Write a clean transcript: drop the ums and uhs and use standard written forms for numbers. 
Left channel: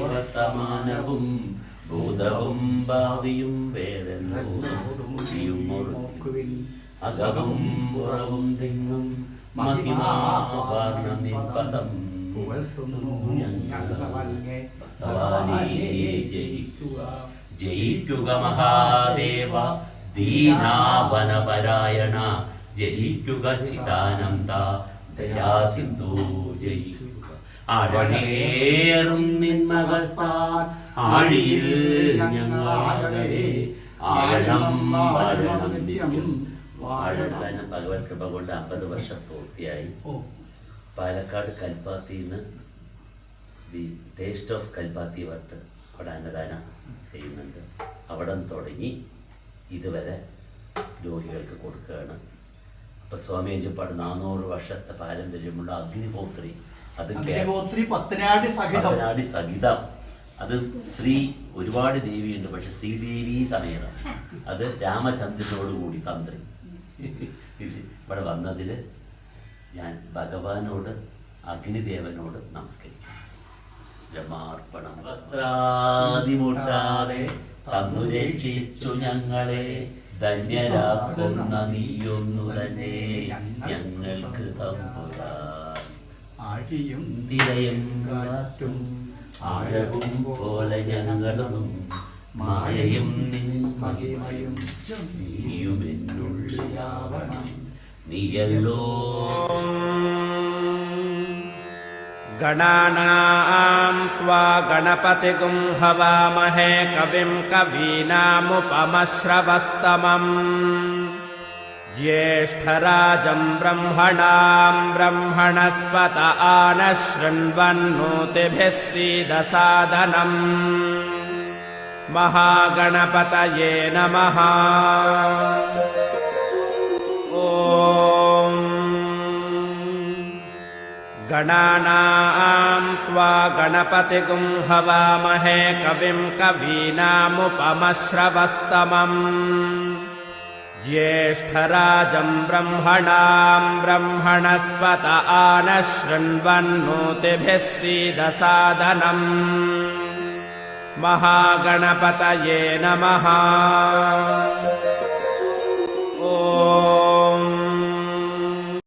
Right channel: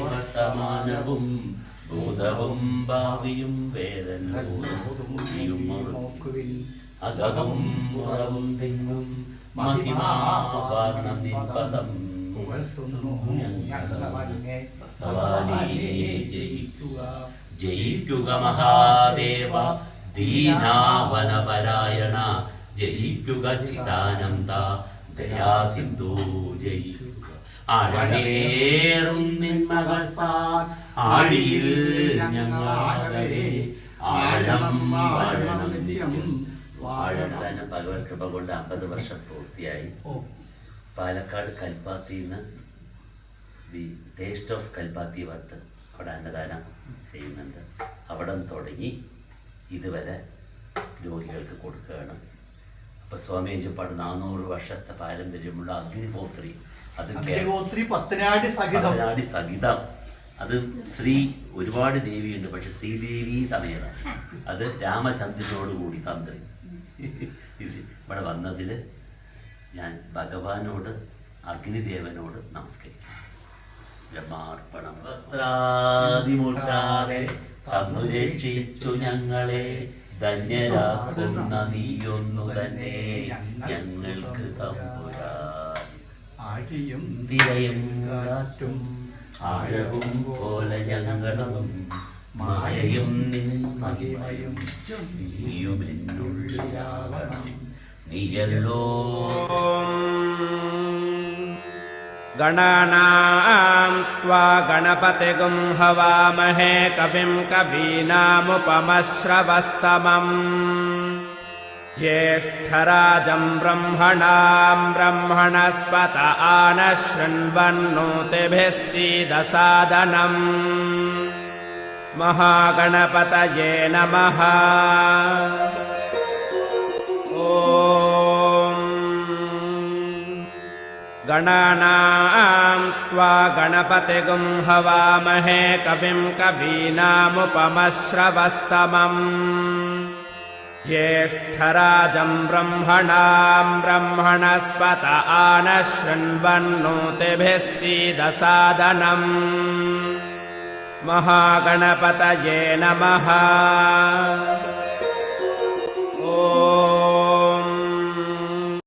വർത്തമാനവും ഭൂതവും ഭാവിയും വേദനയും അകവും പുറവും തെങ്ങും മഹിമാവർണ്ണം നിൻ പദം ജയിക്കുക മഹാദേവ ദീനാവനപരായണ ജയിക്കുക ചിദാനന്ദ ദയാസിന്ധു ജയിക്കുക ആഴമേറും നിന്മകസാൽ ആഴിയിൽ ഞങ്ങളാകവേ ആഴണം വാഴണം നിത്യം വാഴണം. ഭഗവത് കൃപ കൊണ്ട് 50 വർഷം പൂർത്തിയായി. പാലക്കാട് കൽപ്പാത്തിന്ന് ദി ടേസ്റ്റ് ഓഫ് കൽപ്പാത്തി വട്ട് അവിടെ അന്നദാനം ചെയ്യുന്നുണ്ട്. അവിടെ തുടങ്ങി ഇതുവരെ രോഗികൾക്ക് കൊടുക്കുകയാണ്. അപ്പോൾ സ്വാമി ഏജപ്പാട് 400 വർഷത്തെ പാരമ്പര്യമുള്ള അഗ്നിഹോത്രി, അത് പത്തനാടി സഹിതം. അത് ശ്രീ ഒരുപാട് ദേവിയുണ്ട്, പക്ഷെ ശ്രീദേവി സമേതം. അത് രാമചന്ദ്രനോടുകൂടി തന്ത്രി ഇവിടെ വന്നതിൽ ഞാൻ ഭഗവാനോട് അഗ്നിദേവനോട് നമസ്കരിക്കും. ബ്രഹ്മാർപ്പണം. വസ്ത്രാദിമുട്ടാതെ തന്നു രക്ഷിച്ചു ഞങ്ങളെ ധന്യരാക്കുന്ന നീയൊന്നു തന്നെ ഞങ്ങൾക്ക് തമ്പുരാൻ. ആഴിയും തിരയും കാറ്റും ആഴവും പോലെ ഞങ്ങളും മായയും നിൻ മഹിമയും നീയും എന്നുള്ളിലാവണം നീയല്ലോ. ഗണാനാം ത്വാ ഗണപതിഗും ഹവാമഹേ കവിം കവീനാമുപമശ്രവസ്തമം ജ്യേഷ്ഠരാജം ബ്രഹ്മണാം ബ്രഹ്മണസ്പത ആനഃ ശൃണ്വന്നോതിഭിः സീദസാദനം. മഹാഗണപതയേ നമഃ. ഗണാനാം ത്വാ ഗണപതിഗും ഹവാമഹേ കവിം കവീനാമുപമശ്രവസ്തമം ജ്യേഷ്ഠരാജം ബ്രഹ്മണാം ബ്രഹ്മണസ്പത ആനഃ ശൃണ്വന്നോതിഭിः സീദസാദനം. മഹാഗണപതയേ നമഃ.